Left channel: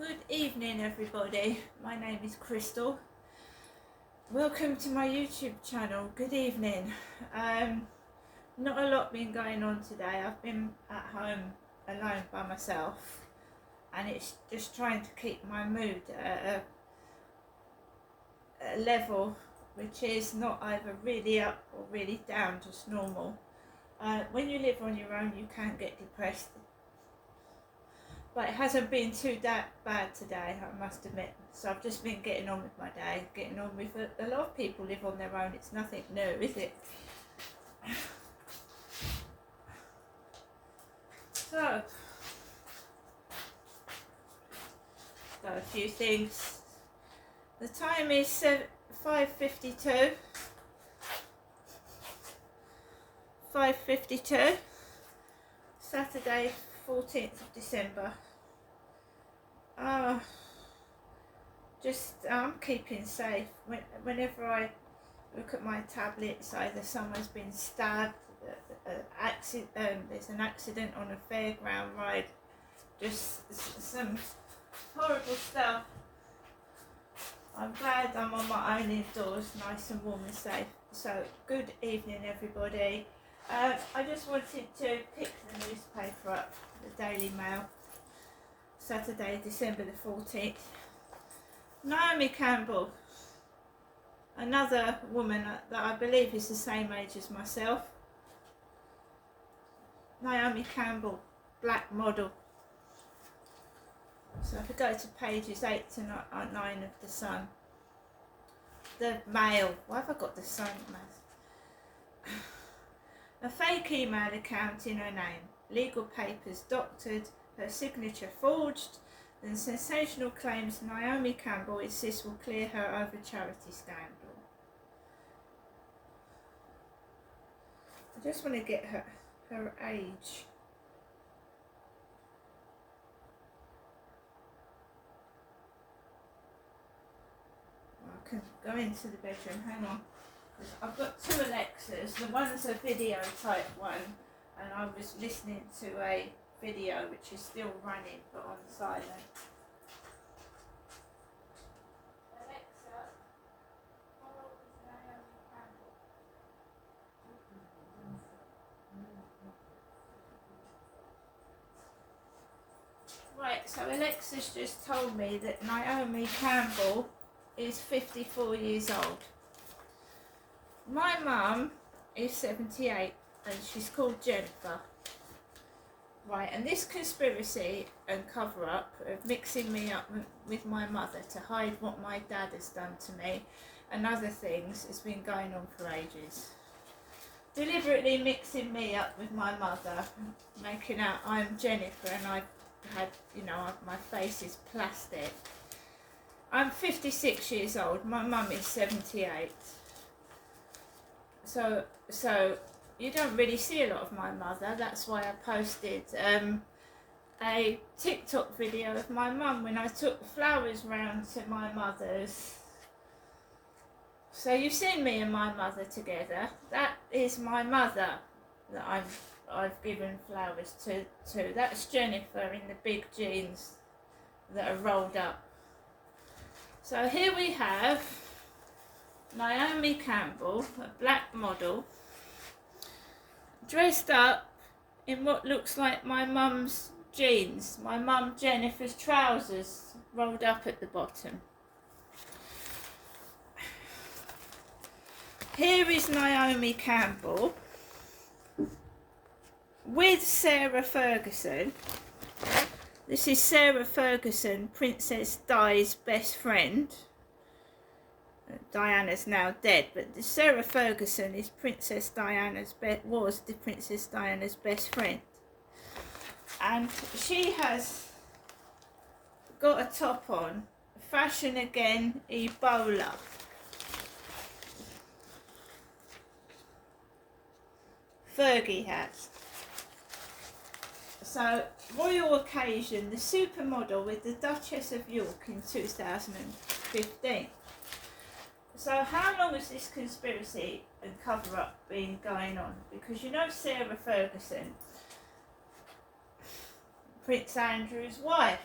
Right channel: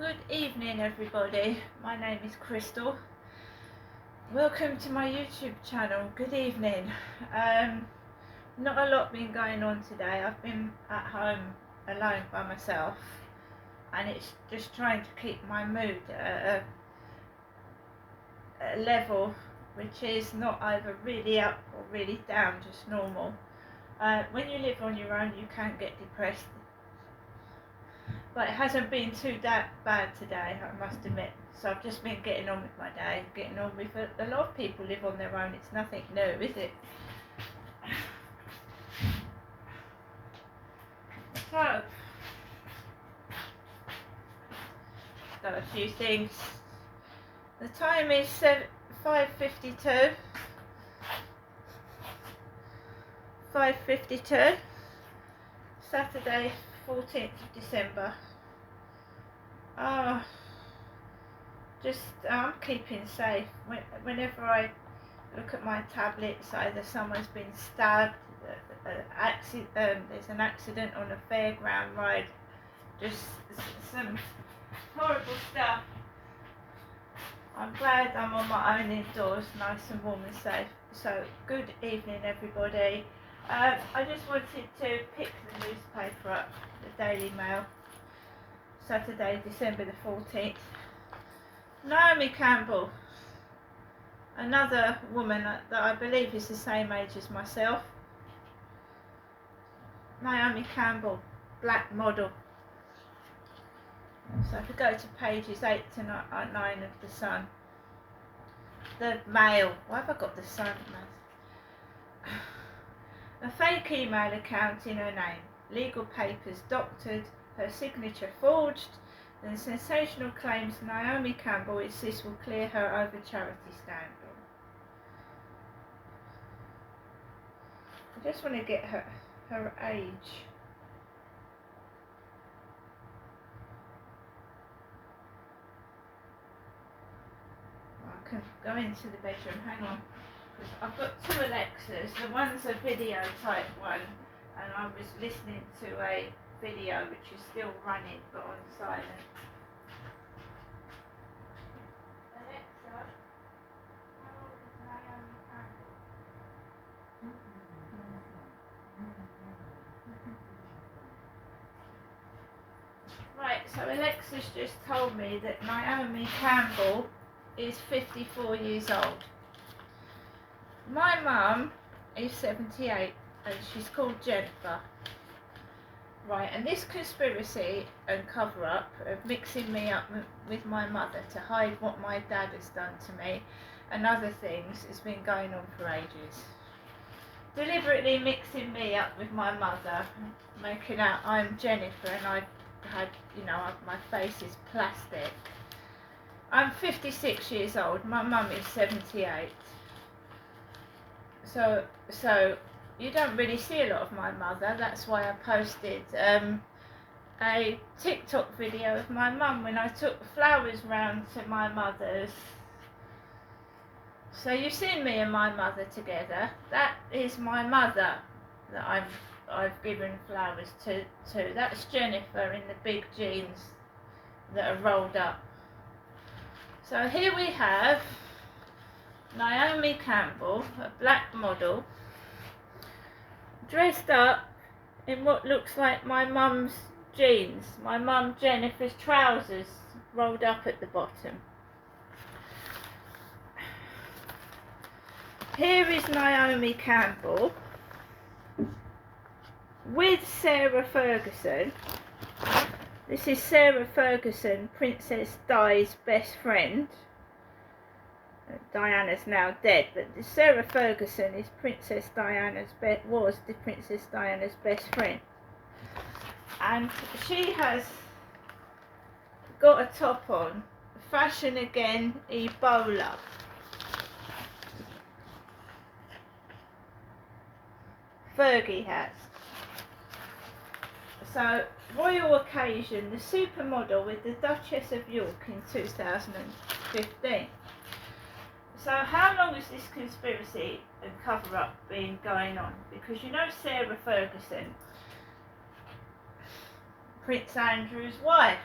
Good evening everybody, my name is Crystal. Welcome to my YouTube channel. Good evening. Not a lot been going on today. I've been at home alone by myself and it's just trying to keep my mood at a level which is not either really up or really down, just normal. When you live on your own you can get depressed, but it hasn't been too that bad today, I must admit. So I've just been getting on with my day, getting on with it. A lot of people live on their own, it's nothing new, is it? So, got a few things. The time is 5:52. 5:52. Saturday, 14th of December. I'm keeping safe. Whenever I look at my tablets, either someone's been stabbed, there's an accident on a fairground ride, just some horrible stuff. I'm glad I'm on my own indoors, nice and warm and safe. So, good evening everybody. I just wanted to pick the newspaper up, the Daily Mail, Saturday, December the 14th. Naomi Campbell, another woman that I believe is the same age as myself. Naomi Campbell, black model. So if we go to pages 8 to 9 of the Sun. The Mail, why have I got the Sun? A fake email account in her name, legal papers doctored, her signature forged, then sensational claims Naomi Campbell insists will clear her over charity scandal. I just want to get her age. I can go into the bedroom, hang on. I've got two Alexas. The one's a video type one, and I was listening to a video which is still running but on silent. Alexa, how old is Naomi Campbell? Right, so Alexa's just told me that Naomi Campbell is 54 years old. My mum is 78 and she's called Jennifer. Right, and this conspiracy and cover-up of mixing me up with my mother to hide what my dad has done to me and other things has been going on for ages. Deliberately mixing me up with my mother, making out I'm Jennifer and I've had, my face is plastic. I'm 56 years old, my mum is 78. So you don't really see a lot of my mother. That's why I posted a TikTok video of my mum when I took flowers round to my mother's. So you've seen me and my mother together. That is my mother that I've given flowers to. That's Jennifer in the big jeans that are rolled up. So here we have Naomi Campbell, a black model, dressed up in what looks like my mum's jeans, my mum Jennifer's trousers rolled up at the bottom. Here is Naomi Campbell with Sarah Ferguson. This is Sarah Ferguson, Princess Di's best friend. Diana's now dead, but Sarah Ferguson is Princess Diana's was the Princess Diana's best friend, and she has got a top on, fashion again, Ebola. Fergie has. So, royal occasion, the supermodel with the Duchess of York in 2015. So how long has this conspiracy and cover-up been going on? Because Sarah Ferguson, Prince Andrew's wife,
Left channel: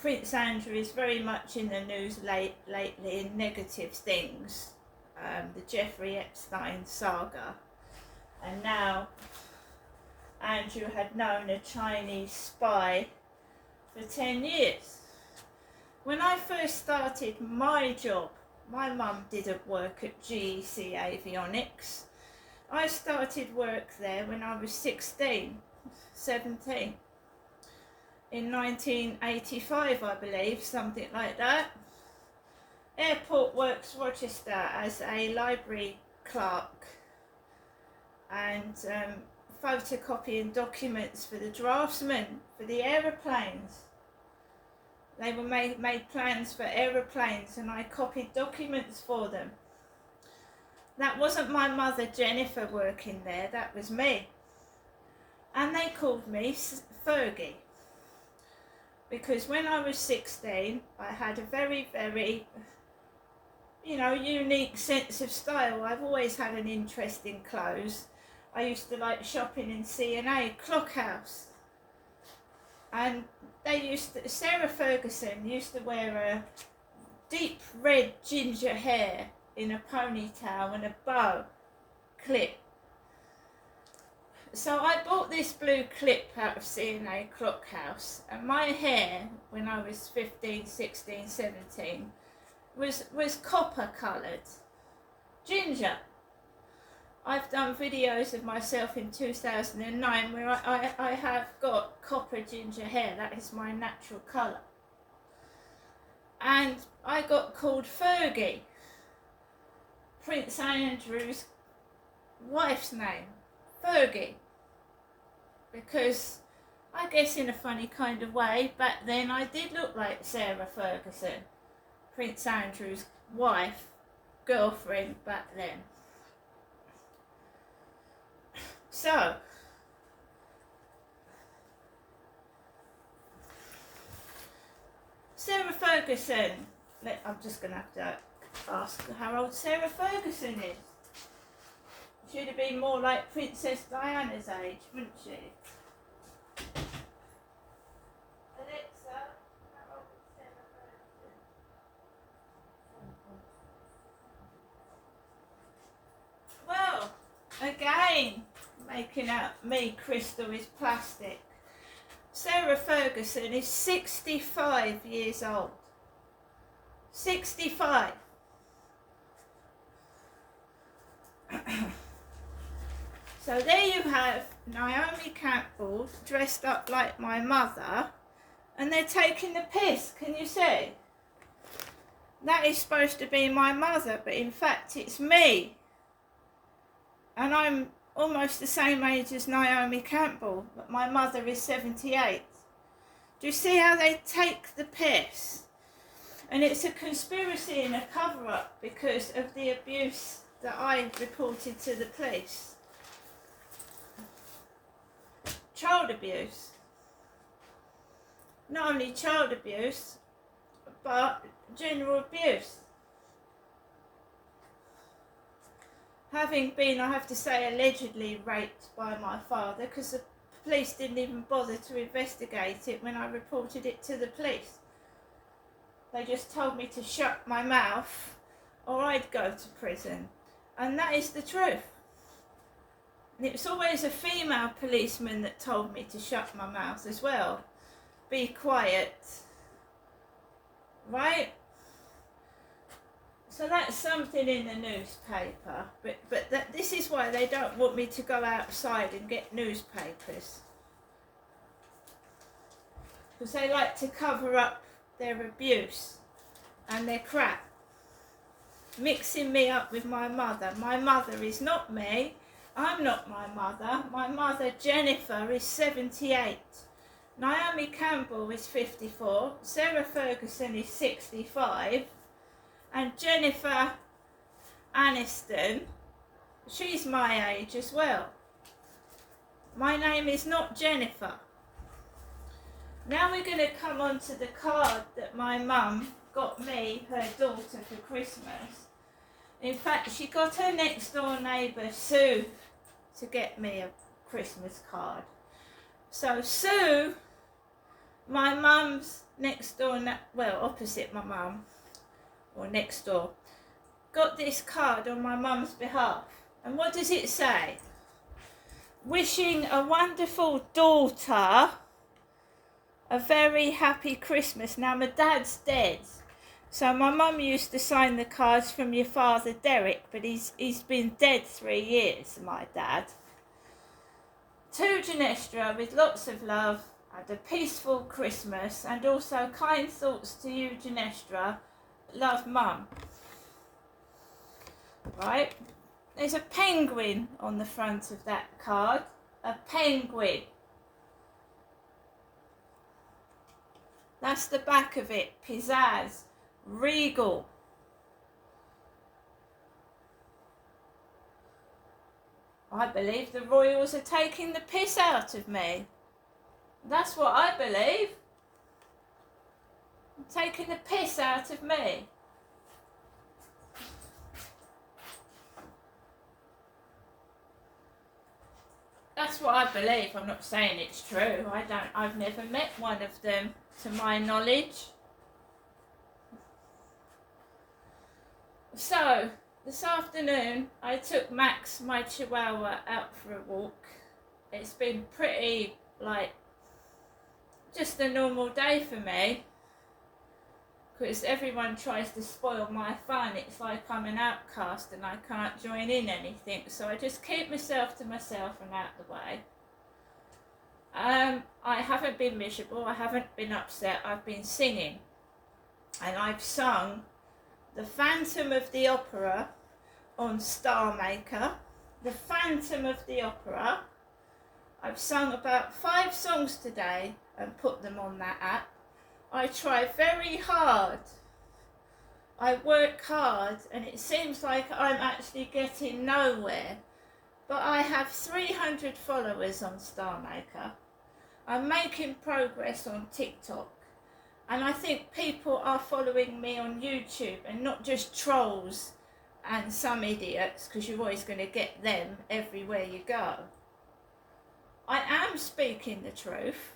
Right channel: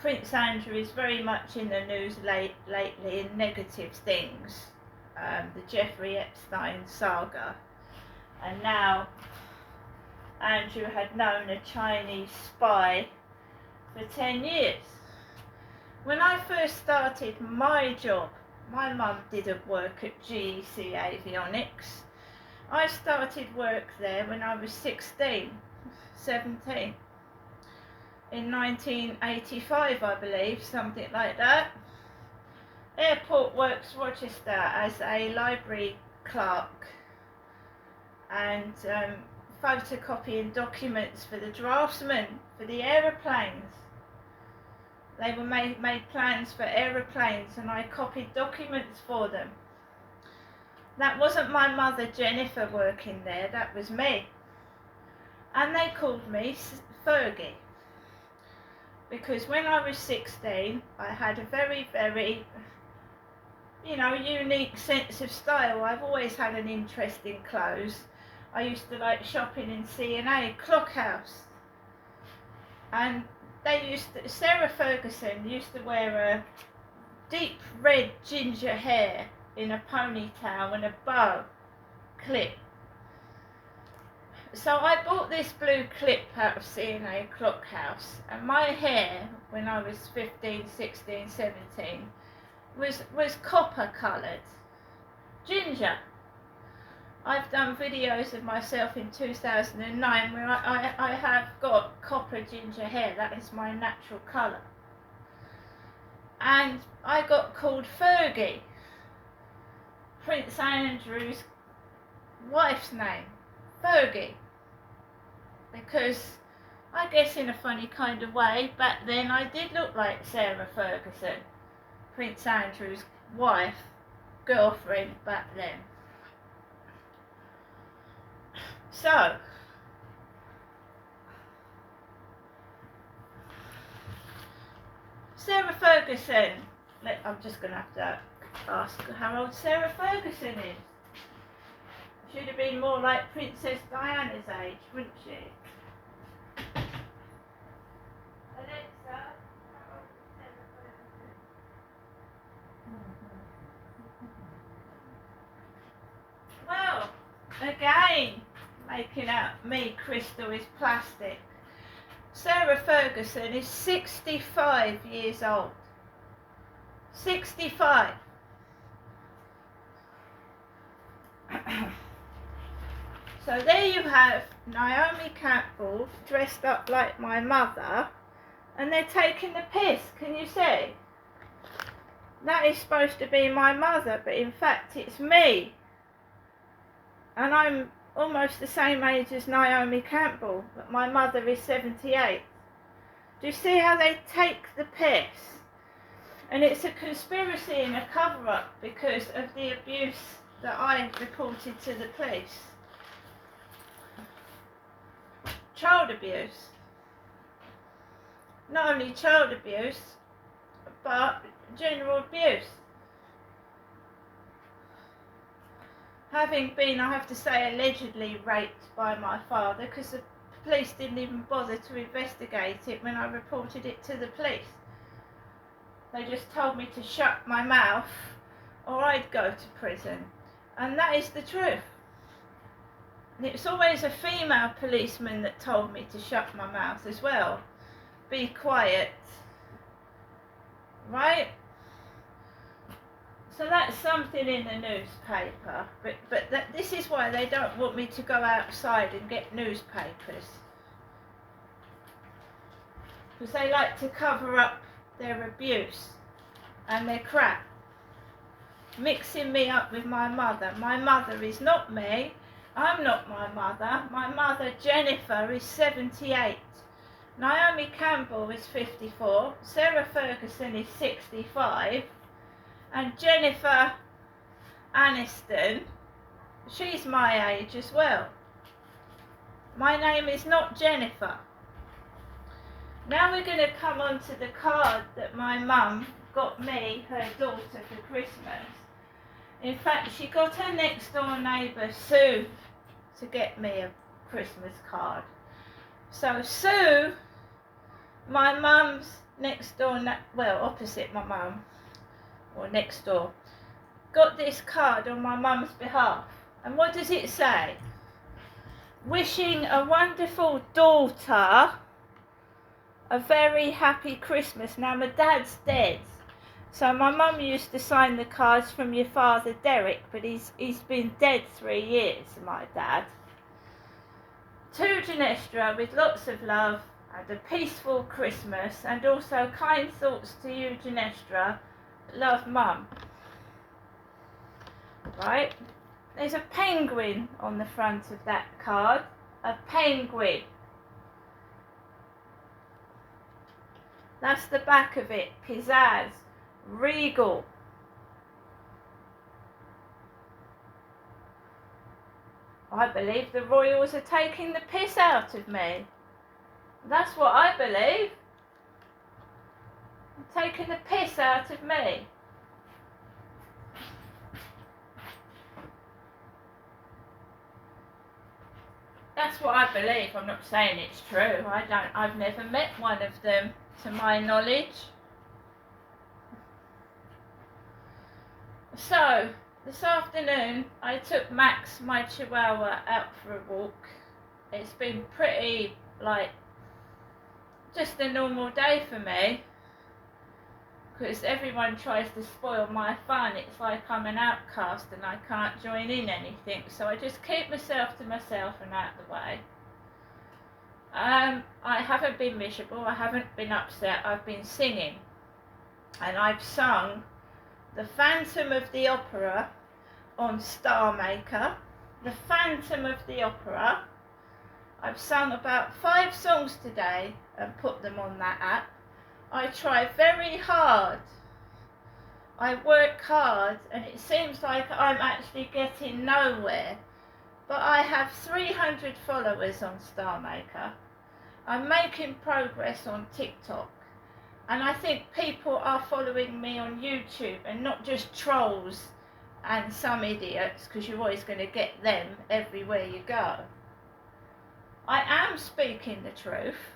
Prince Andrew is very much in the news lately in negative things. The Jeffrey Epstein saga. And now Andrew had known a Chinese spy for 10 years. When I first started my job, my mum didn't work at GEC Avionics. I started work there when I was 17, in 1985, I believe, something like that. Airport Works Rochester as a library clerk and photocopying documents for the draftsmen for the aeroplanes. They were made plans for aeroplanes and I copied documents for them. That wasn't my mother Jennifer working there, that was me. And they called me Fergie. Because when I was 16, I had a very, very, unique sense of style. I've always had an interest in clothes. I used to like shopping in C&A, Clockhouse. And Sarah Ferguson used to wear a deep red ginger hair in a ponytail and a bow clip. So I bought this blue clip out of C&A Clockhouse, and my hair when I was 15, 16, 17 was copper coloured, ginger. I've done videos of myself in 2009 where I have got copper ginger hair. That is my natural colour. And I got called Fergie, Prince Andrew's wife's name, Fergie. Because I guess in a funny kind of way, back then I did look like Sarah Ferguson, Prince Andrew's wife, girlfriend back then. So, Sarah Ferguson, I'm just going to have to ask how old Sarah Ferguson is. She'd have been more like Princess Diana's age, wouldn't she? Alexa, how old is Sarah Ferguson? Well, again, making out me, Crystal, is plastic. Sarah Ferguson is 65 years old. 65. So there you have Naomi Campbell dressed up like my mother, and they're taking the piss, can you see? That is supposed to be my mother, but in fact it's me. And I'm almost the same age as Naomi Campbell, but my mother is 78. Do you see how they take the piss? And it's a conspiracy and a cover-up because of the abuse that I reported to the police. Child abuse. Not only child abuse, but general abuse. Having been, I have to say, allegedly raped by my father, because the police didn't even bother to investigate it when I reported it to the police. They just told me to shut my mouth or I'd go to prison. And that is the truth. And it was always a female policeman that told me to shut my mouth as well. Be quiet. Right? So that's something in the newspaper. But this is why they don't want me to go outside and get newspapers. Because they like to cover up their abuse and their crap. Mixing me up with my mother. My mother is not me. I'm not my mother. My mother, Jennifer, is 78. Naomi Campbell is 54. Sarah Ferguson is 65. And Jennifer Aniston, she's my age as well. My name is not Jennifer. Now we're going to come on to the card that my mum got me, her daughter, for Christmas. In fact, she got her next door neighbour, Sue, to get me a Christmas card. So Sue, my mum's next door, well, opposite my mum, or next door, got this card on my mum's behalf. And what does it say? Wishing a wonderful daughter a very happy Christmas. Now, my dad's dead, so my mum used to sign the cards from your father Derek, but he's been dead 3 years, my dad. To Genestra, with lots of love and a peaceful Christmas, and also kind thoughts to you, Genestra. Love, Mum. Right, there's a penguin on the front of that card. A penguin. That's the back of it. Pizzazz. Regal. I believe the royals are taking the piss out of me. That's what I believe. Taking the piss out of me. That's what I believe. I'm not saying it's true. I've never met one of them, to my knowledge. So, this afternoon, I took Max, my chihuahua, out for a walk. It's been pretty, just a normal day for me. Because everyone tries to spoil my fun. It's like I'm an outcast and I can't join in anything. So I just keep myself to myself and out the way. I haven't been miserable. I haven't been upset. I've been singing. And I've sung The Phantom of the Opera on Star Maker. The Phantom of the Opera. I've sung about 5 songs today and put them on that app. I try very hard. I work hard, and it seems like I'm actually getting nowhere. But I have 300 followers on Star Maker. I'm making progress on TikTok. And I think people are following me on YouTube and not just trolls and some idiots, because you're always going to get them everywhere you go. I am speaking the truth.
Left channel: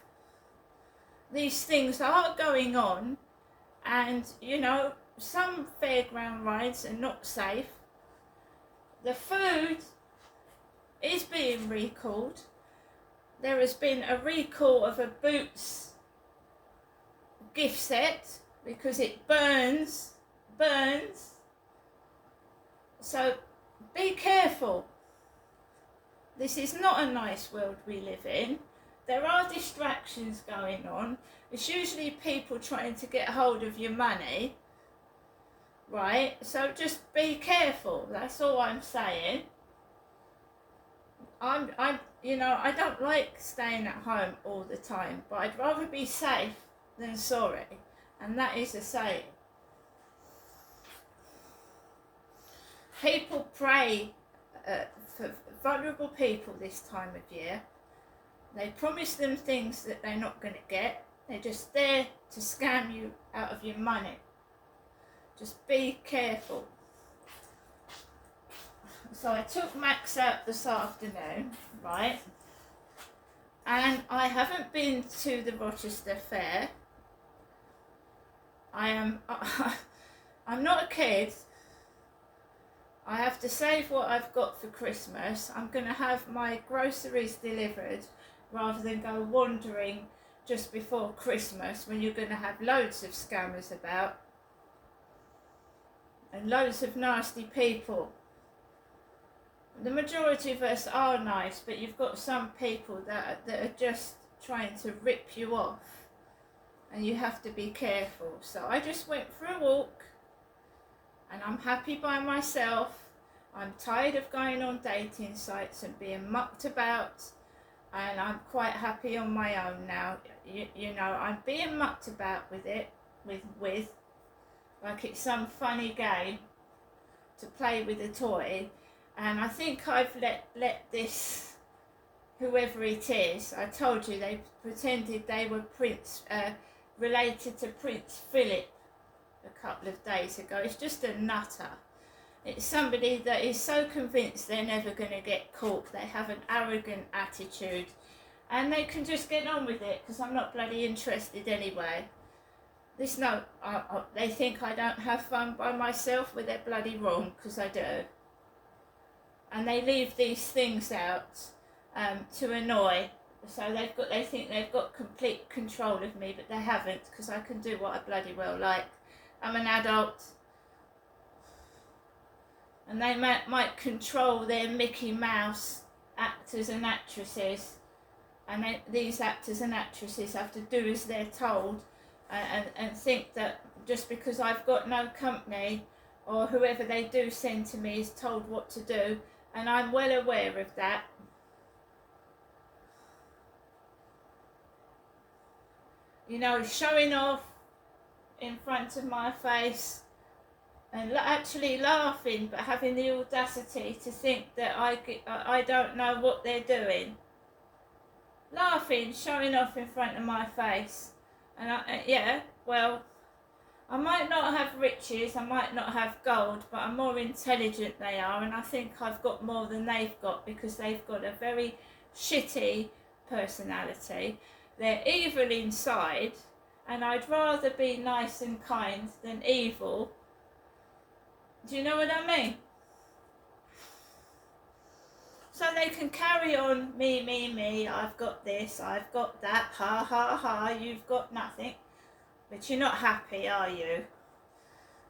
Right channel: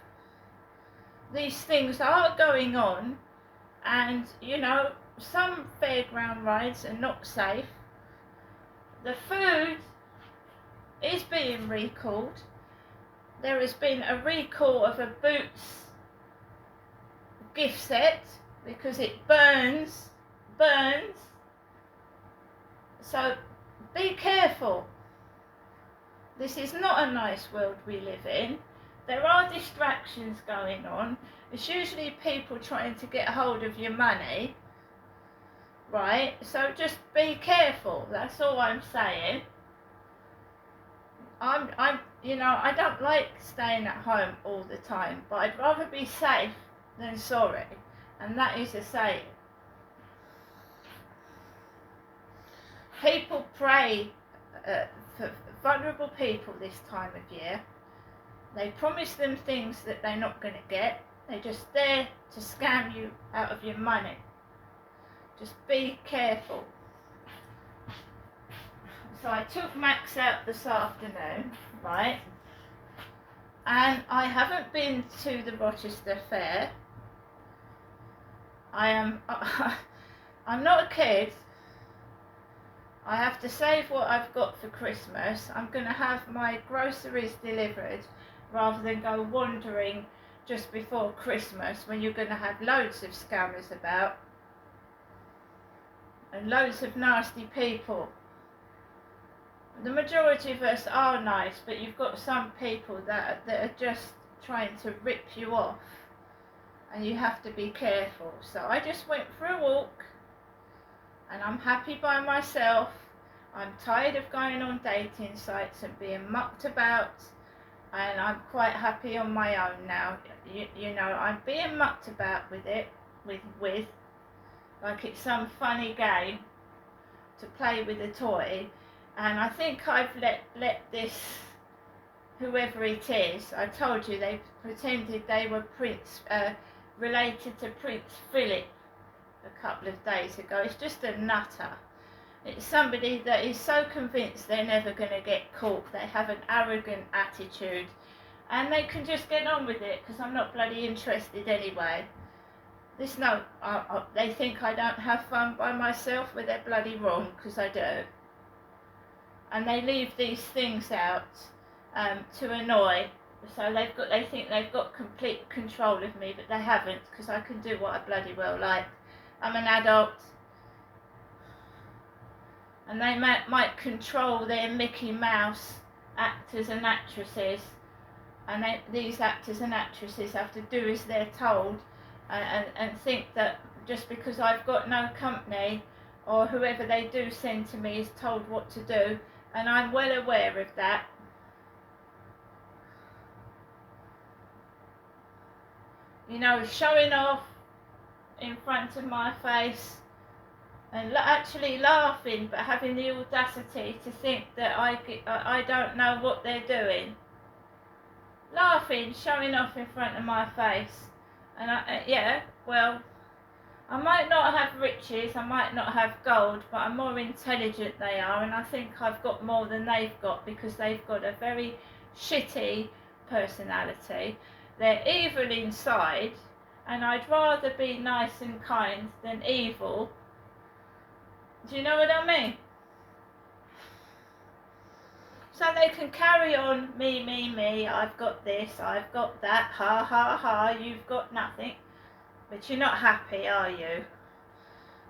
These things are going on, and some fairground rides are not safe. The food is being recalled. There has been a recall of a Boots gift set because it burns. So be careful. This is not a nice world we live in. There are distractions going on. It's usually people trying to get hold of your money, right? So just be careful. That's all I'm saying. I don't like staying at home all the time, but I'd rather be safe than sorry, and that is a saying. People pray for vulnerable people this time of year. They promise them things that they're not going to get. They're just there to scam you out of your money. Just be careful. So I took Max out this afternoon, right? And I haven't been to the Rochester Fair. I'm not a kid. I have to save what I've got for Christmas. I'm going to have my groceries delivered rather than go wandering just before Christmas when you're going to have loads of scammers about and loads of nasty people. The majority of us are nice, but you've got some people that are just trying to rip you off, and you have to be careful. So I just went for a walk, and I'm happy by myself. I'm tired of going on dating sites and being mucked about, and I'm quite happy on my own now. I'm being mucked about with it, with like it's some funny game to play with a toy. And I think I've let this, whoever it is, I told you they pretended they were related to Prince Philip a couple of days ago. It's just a nutter. It's somebody that is so convinced they're never going to get caught. They have an arrogant attitude, and they can just get on with it because I'm not bloody interested anyway. There's no, they think I don't have fun by myself, but they're bloody wrong, because I do. And they leave these things out to annoy. So they think they've got complete control of me, but they haven't, because I can do what I bloody well like. I'm an adult, and they might control their Mickey Mouse actors and actresses, and these actors and actresses have to do as they're told, and think that just because I've got no company, or whoever they do send to me is told what to do, and I'm well aware of that. You know, showing off in front of my face and actually laughing, but having the audacity to think that I don't know what they're doing. Laughing, showing off in front of my face. And I might not have riches, I might not have gold, but I'm more intelligent they are, and I think I've got more than they've got, because they've got a very shitty personality. They're evil inside, and I'd rather be nice and kind than evil. Do you know what I mean? So they can carry on, me, I've got this, I've got that, ha ha ha, you've got nothing. But you're not happy, are you?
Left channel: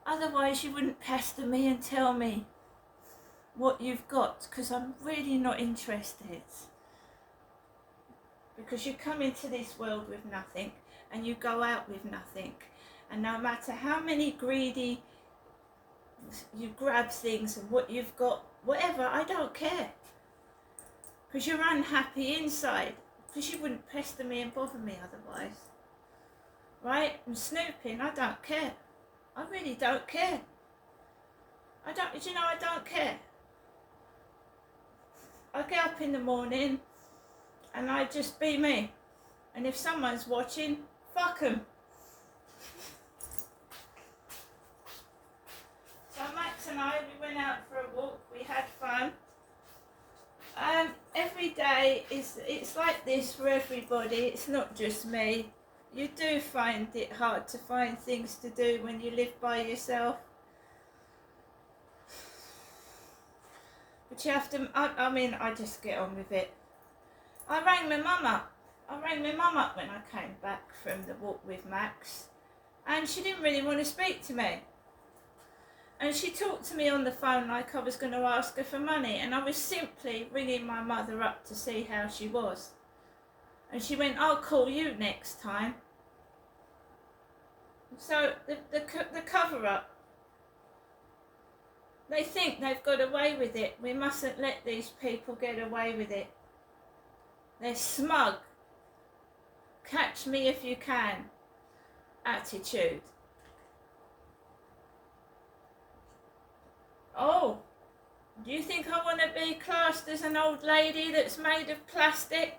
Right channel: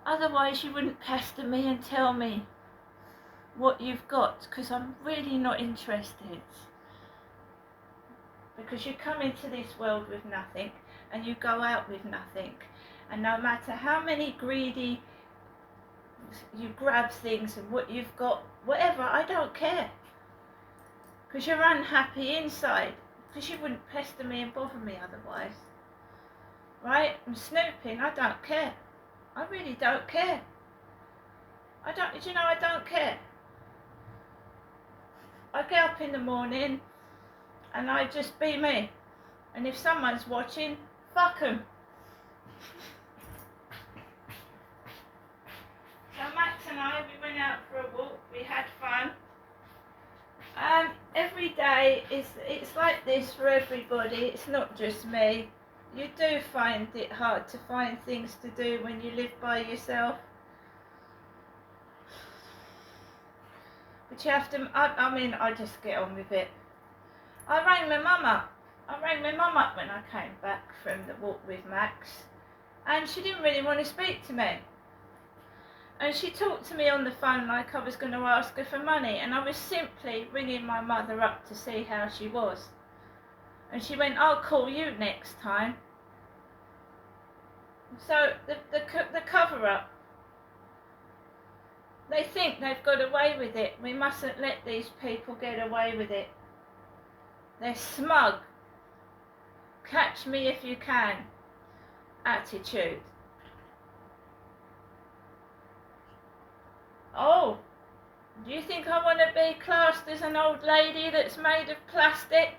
Otherwise you wouldn't pester me and tell me what you've got, because I'm really not interested. Because you come into this world with nothing, and you go out with nothing. And no matter how many greedy you grab things and what you've got, whatever, I don't care. Because you're unhappy inside. Because you wouldn't pester me and bother me otherwise. Right? And snooping, I don't care. I really don't care. I don't care. I get up in the morning and I just be me. And if someone's watching, fuck them. So Max and I, we went out for a walk, we had fun. Every day it's like this for everybody, it's not just me. You do find it hard to find things to do when you live by yourself. But you have to, I just get on with it. I rang my mum up when I came back from the walk with Max, and she didn't really want to speak to me. And she talked to me on the phone like I was going to ask her for money, and I was simply ringing my mother up to see how she was. And she went, I'll call you next time. So the cover-up. They think they've got away with it. We mustn't let these people get away with it. They're smug. Catch me if you can attitude. Oh, do you think I want to be classed as an old lady that's made of plastic?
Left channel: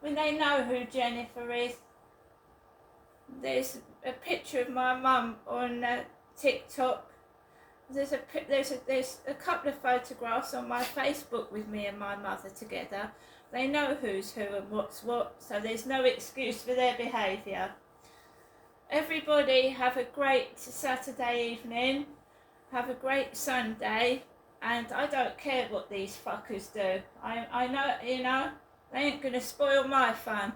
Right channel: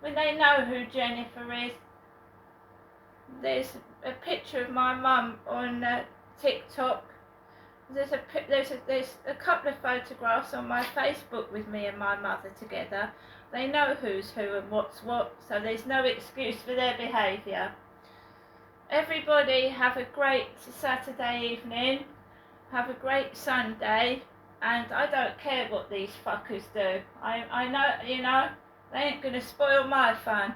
When they know who Jennifer is. There's a picture of my mum on TikTok. There's a couple of photographs on my Facebook with me and my mother together. They know who's who and what's what, so there's no excuse for their behaviour. Everybody have a great Saturday evening, have a great Sunday, and I don't care what these fuckers do. I know, they ain't going to spoil my fun.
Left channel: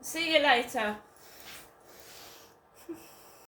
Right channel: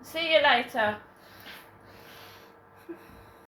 See you later.